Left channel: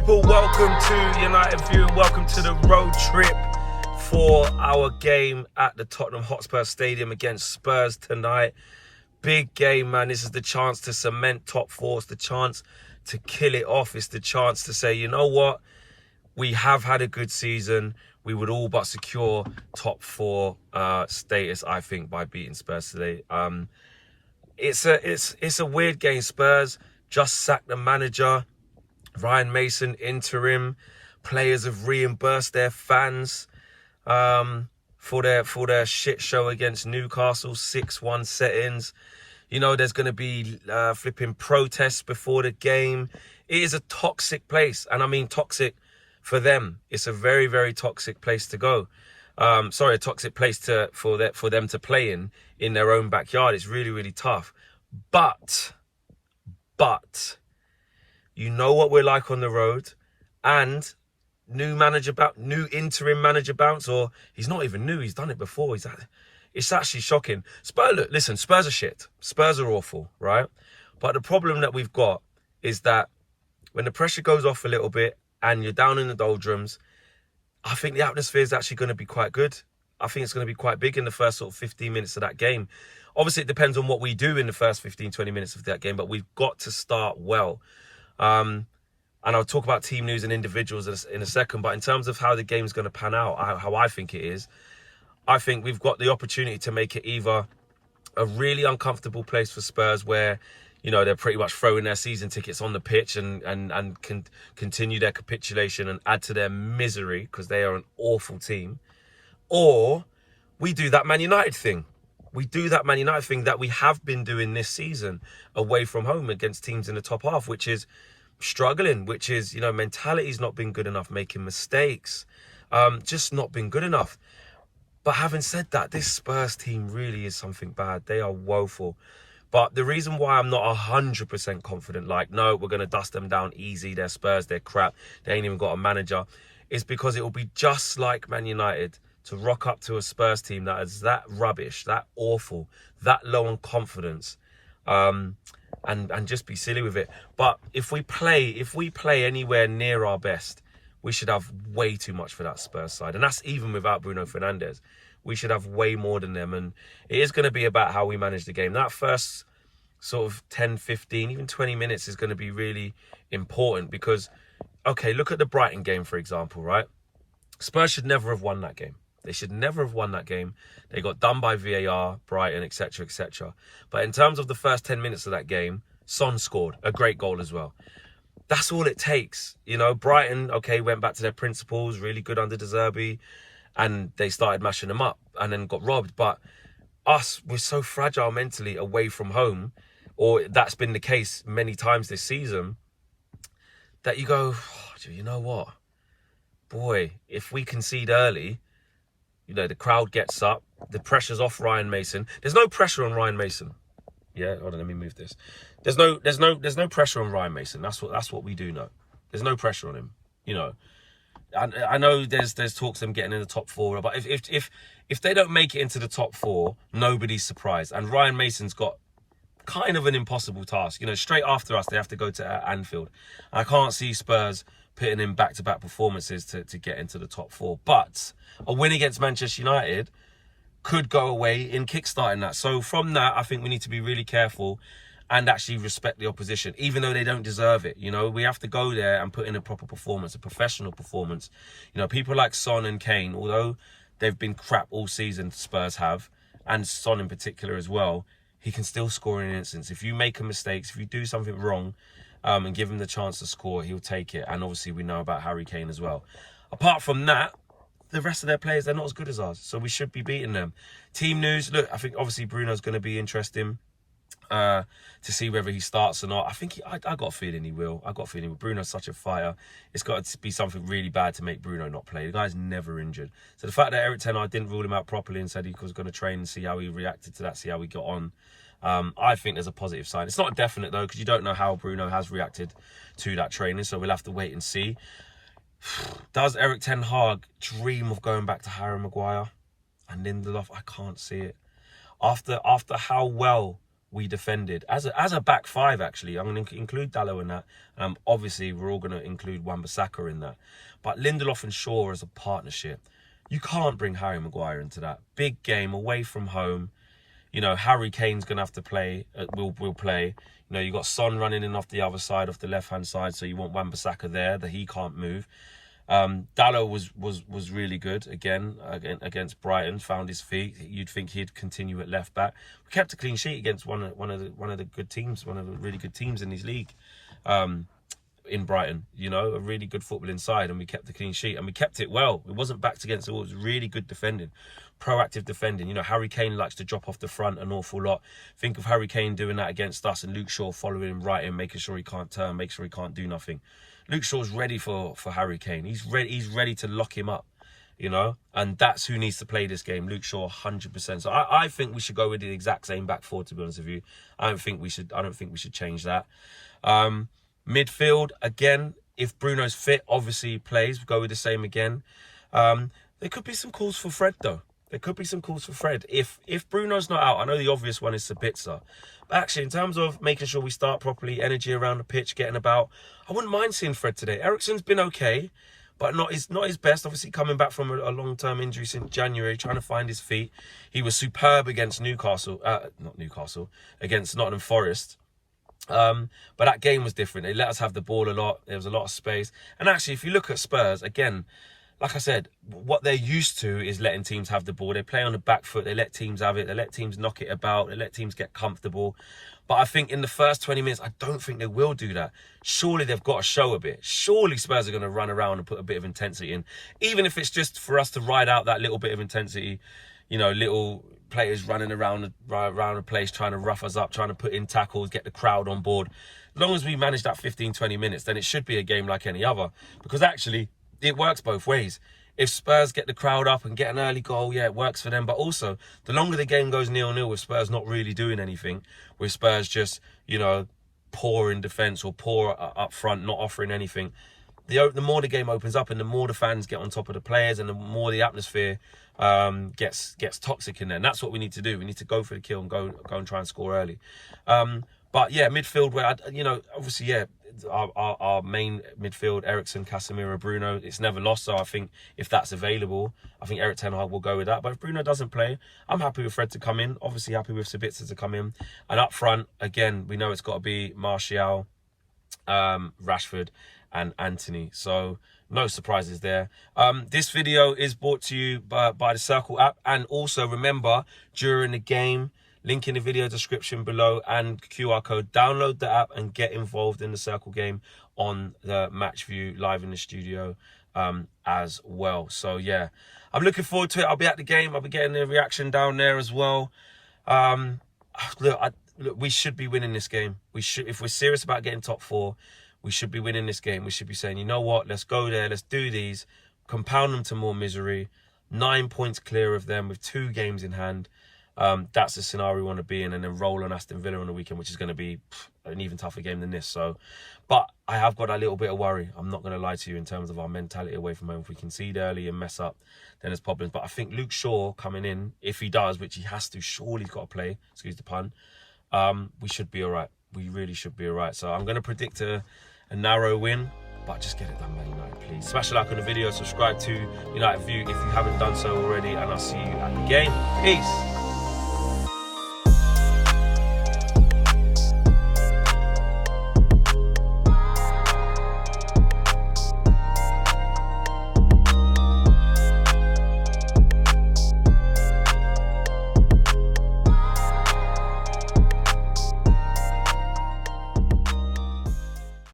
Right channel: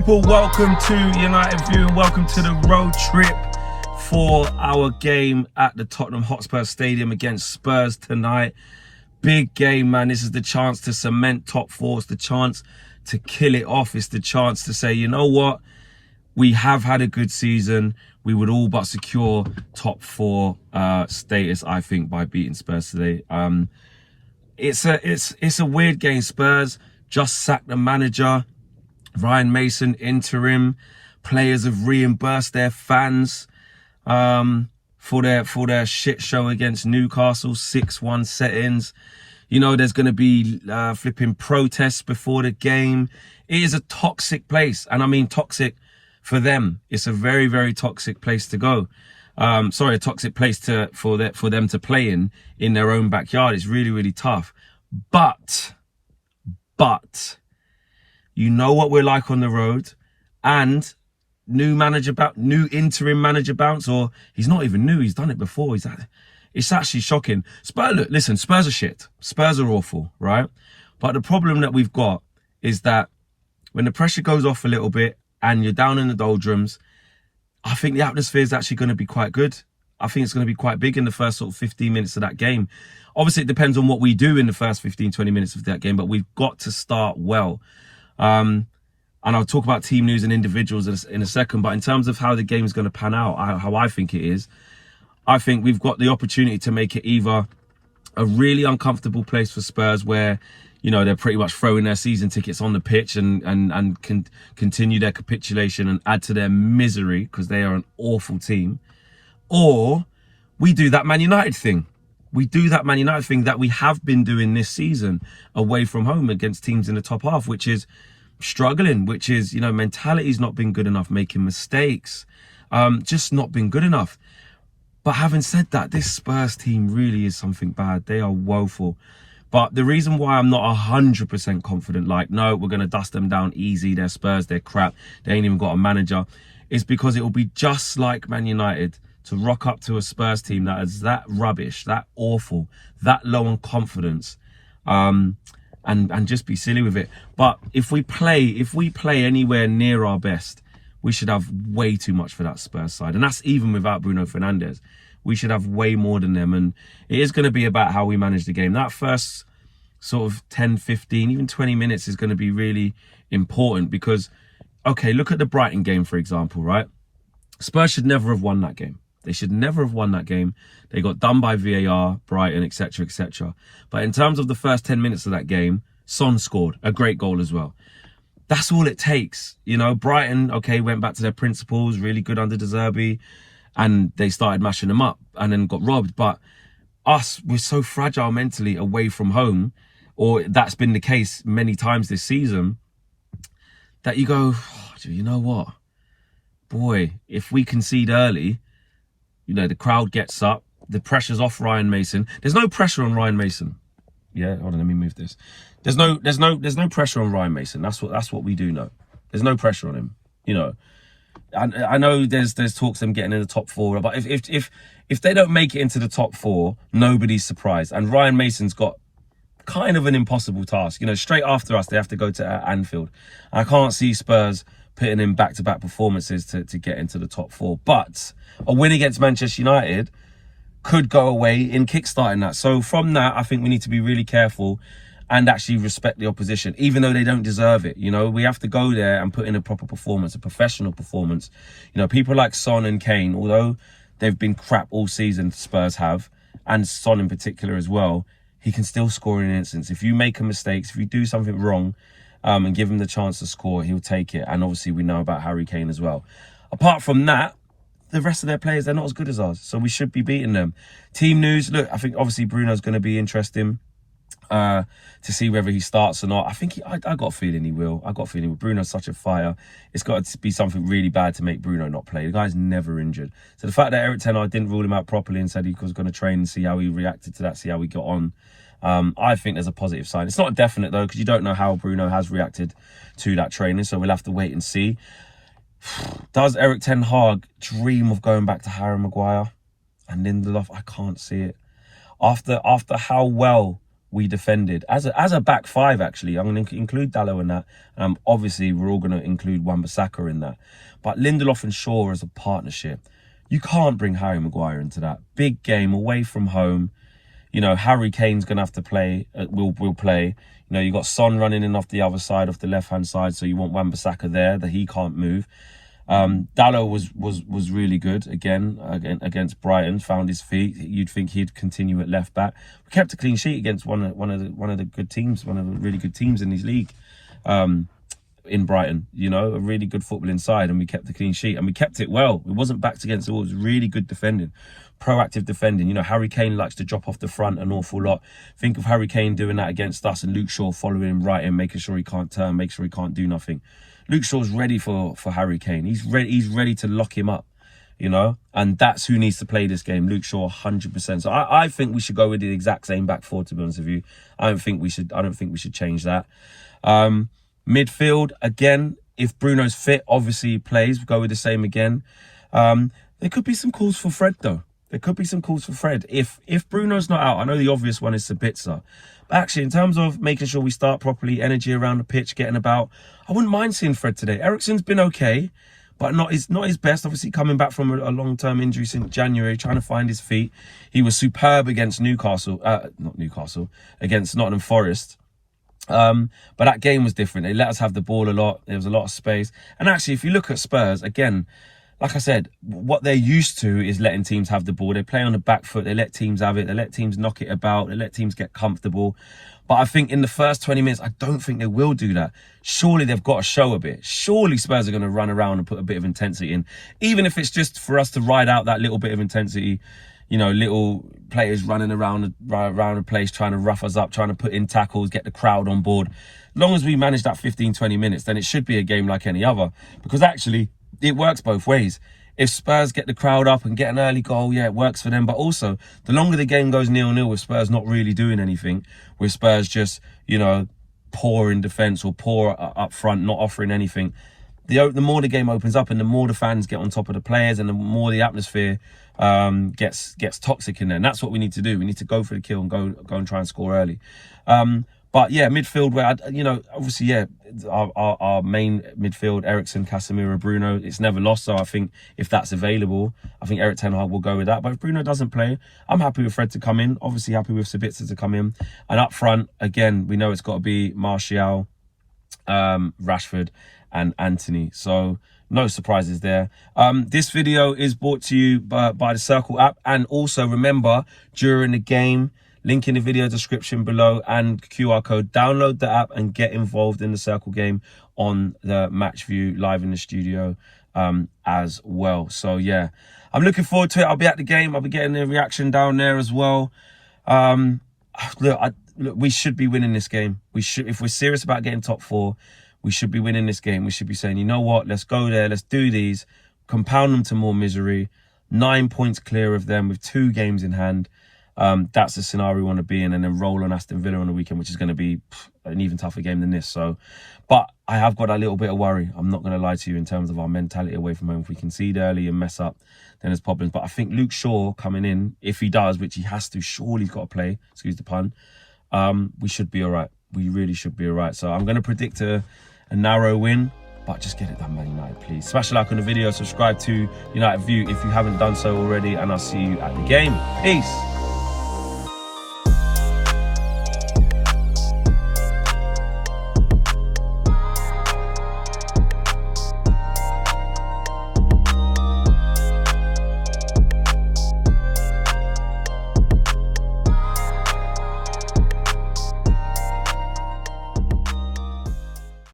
people, welcome to United View. Welcome to the road trip for our game at the Tottenham Hotspur Stadium against Spurs tonight. Big game, man. This is the chance to cement top four. It's the chance to kill it off. It's the chance to say, you know what? We have had a good season. We would all but secure top four status, I think, by beating Spurs today. It's a weird game. Spurs just sacked the manager. Ryan Mason interim. Players have reimbursed their fans for their shit show against Newcastle, 6-1 set-ins. You know, there's going to be flipping protests before the game. It is a toxic place, and I mean toxic for them. It's a very, very toxic place to go. A toxic place for them to play in their own backyard. It's really, really tough. But you know what we're like on the road, and new interim manager bounce, or he's not even new. He's done it before. It's actually shocking. Spurs are shit. Spurs are awful, right? But the problem that we've got is that when the pressure goes off a little bit and you're down in the doldrums, I think the atmosphere is actually going to be quite good. I think it's going to be quite big in the first sort of 15 minutes of that game. Obviously, it depends on what we do in the first 15, 20 minutes of that game, but we've got to start well. And I'll talk about team news and individuals in a second, but in terms of how the game is going to pan out, how I think it is, I think we've got the opportunity to make it either a really uncomfortable place for Spurs where, you know, they're pretty much throwing their season tickets on the pitch and can continue their capitulation and add to their misery because they are an awful team. Or we do that Man United thing. We do that Man United thing that we have been doing this season away from home against teams in the top half, which is struggling, which is, you know, mentality's not been good enough, making mistakes, just not been good enough. But having said that, this Spurs team really is something bad. They are woeful. But the reason why I'm not 100% confident, like, no, we're going to dust them down easy, they're Spurs, they're crap, they ain't even got a manager, is because it will be just like Man United to rock up to a Spurs team that is that rubbish, that awful, that low on confidence, and just be silly with it. But if we play anywhere near our best, we should have way too much for that Spurs side. And that's even without Bruno Fernandes. We should have way more than them. And it is going to be about how we manage the game. That first sort of 10, 15, even 20 minutes is going to be really important because, okay, look at the Brighton game, for example, right? Spurs should never have won that game. They should never have won that game. They got done by VAR, Brighton, etc., etc. But in terms of the first 10 minutes of that game, Son scored a great goal as well. That's all it takes. You know, Brighton, okay, went back to their principles, really good under De Zerbi, and they started mashing them up and then got robbed. But us, we're so fragile mentally away from home, or that's been the case many times this season, that you go, oh, you know what? Boy, if we concede early, you know, the crowd gets up, the pressure's off Ryan Mason. There's no pressure on Ryan Mason. Yeah, hold on, let me move this. There's no pressure on Ryan Mason. That's what we do know. There's no pressure on him. You know, I know there's talks of them getting in the top four, but if they don't make it into the top four, nobody's surprised. And Ryan Mason's got kind of an impossible task. You know, straight after us, they have to go to Anfield. I can't see Spurs putting in back-to-back performances to get into the top four. But a win against Manchester United could go away in kickstarting that. So from that, I think we need to be really careful and actually respect the opposition, even though they don't deserve it. You know, we have to go there and put in a proper performance, a professional performance. You know, people like Son and Kane, although they've been crap all season, Spurs have, and Son in particular as well, he can still score in an instance. If you make a mistake, if you do something wrong, and give him the chance to score, he'll take it. And obviously we know about Harry Kane as well. Apart from that, the rest of their players, they're not as good as ours. So we should be beating them. Team news, look, I think obviously Bruno's going to be interesting to see whether he starts or not. I think I got a feeling he will. I got a feeling Bruno's such a fire. It's got to be something really bad to make Bruno not play. The guy's never injured. So the fact that Eric Ten Hag didn't rule him out properly and said he was going to train and see how he reacted to that, see how he got on, I think there's a positive sign. It's not definite though, because you don't know how Bruno has reacted to that training, so we'll have to wait and see. Does Eric Ten Hag dream of going back to Harry Maguire and Lindelof? I can't see it. After how well we defended as a back five. Actually, I'm going to include Dalot in that. Obviously, we're all going to include Wan-Bissaka in that. But Lindelof and Shaw as a partnership, you can't bring Harry Maguire into that big game away from home. You know, Harry Kane's going to have to play. Will play. You know, you got Son running in off the other side, off the left-hand side, so you want Wan-Bissaka there that he can't move. Dalot was really good again against Brighton. Found his feet. You'd think he'd continue at left back. We kept a clean sheet against one of the good teams, one of the really good teams in his league. In Brighton, you know, a really good football inside, and we kept the clean sheet, and we kept it well. It wasn't backed against the wall. It was really good defending, proactive defending. You know, Harry Kane likes to drop off the front an awful lot. Think of Harry Kane doing that against us, and Luke Shaw following him right in, making sure he can't turn, make sure he can't do nothing. Luke Shaw's ready for Harry Kane. He's ready to lock him up, you know, and that's who needs to play this game. Luke Shaw, 100%. So I think we should go with the exact same back four, to be honest with you. I don't think we should change that. Midfield, again, if Bruno's fit, obviously he plays. We'll go with the same again. There could be some calls for Fred, though. There could be some calls for Fred. If Bruno's not out, I know the obvious one is Sabitzer. But actually, in terms of making sure we start properly, energy around the pitch, getting about, I wouldn't mind seeing Fred today. Eriksen's been okay, but not his best. Obviously, coming back from a long-term injury since January, trying to find his feet. He was superb against against Nottingham Forest. But that game was different. They let us have the ball a lot. There was a lot of space. And actually, if you look at Spurs, again, like I said, what they're used to is letting teams have the ball. They play on the back foot. They let teams have it. They let teams knock it about. They let teams get comfortable. But I think in the first 20 minutes, I don't think they will do that. Surely they've got to show a bit. Surely Spurs are going to run around and put a bit of intensity in. Even if it's just for us to ride out that little bit of intensity, you know, little players running around the place, trying to rough us up, trying to put in tackles, get the crowd on board. As long as we manage that 15, 20 minutes, then it should be a game like any other. Because actually, it works both ways. If Spurs get the crowd up and get an early goal, yeah, it works for them. But also, the longer the game goes 0-0 with Spurs not really doing anything, with Spurs just, you know, poor in defence or poor up front, not offering anything, the more the game opens up and the more the fans get on top of the players and the more the atmosphere gets toxic in there. And that's what we need to do. We need to go for the kill and go and try and score early. But yeah, midfield, where, you know, obviously, yeah, our main midfield, Eriksen, Casemiro, Bruno, it's never lost. So I think if that's available, I think Erik ten Hag will go with that. But if Bruno doesn't play, I'm happy with Fred to come in. Obviously happy with Sabitzer to come in. And up front, again, we know it's got to be Martial, Rashford and Anthony. So no surprises there. This video is brought to you by the Circl app. And also remember, during the game, link in the video description below and QR code. Download the app and get involved in the Circl game on the match view live in the studio as well. So yeah, I'm looking forward to it. I'll be at the game. I'll be getting the reaction down there as well. Look, we should be winning this game. We should, if we're serious about getting top four, we should be winning this game. We should be saying, you know what, let's go there. Let's do these. Compound them to more misery. 9 points clear of them with 2 games in hand. That's the scenario we want to be in, and then roll on Aston Villa on the weekend, which is going to be an even tougher game than this. So, but I have got a little bit of worry. I'm not going to lie to you in terms of our mentality away from home. If we concede early and mess up, then there's problems. But I think Luke Shaw coming in, if he does, which he has to, surely he's got to play, excuse the pun, we should be all right. We really should be all right. So I'm going to predict a narrow win, but just get it done, Man United, please. Smash a like on the video, subscribe to United View if you haven't done so already, and I'll see you at the game. Peace.